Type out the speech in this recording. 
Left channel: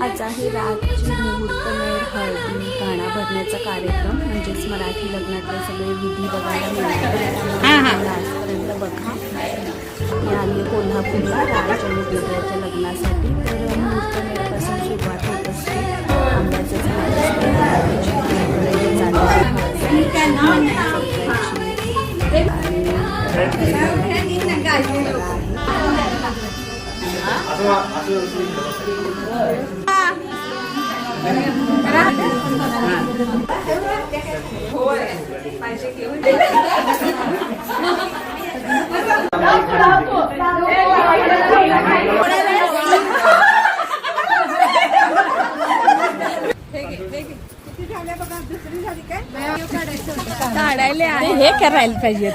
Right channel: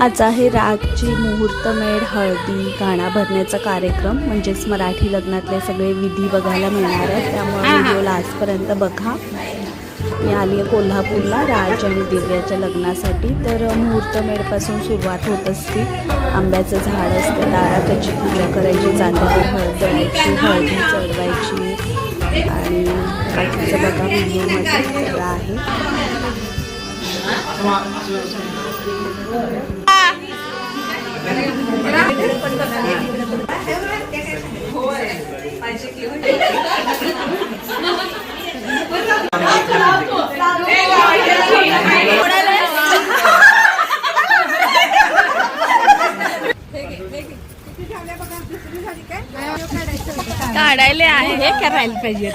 आज आहे रागची मुहूर्तमेढ हळदी गाणा भरण्याचा कार्यक्रम, म्हणजेच मराठी लग्नातले सगळे विधी बघायला मिळणार आहे. त्यामुळे लास्टपर्यंत बघा. मी आली आहे कोल्हापूरला राज आणि दिव्याच्या लग्नासाठी. तर मुहूर्तमेढपासून सुरुवात होत असते. आंब्याचे झाड असते, त्याची पूजा करायची, चांदीची हळद द्यायची, हळदी चढवायची आणि काढायला आहे हे करायला पाहिजे.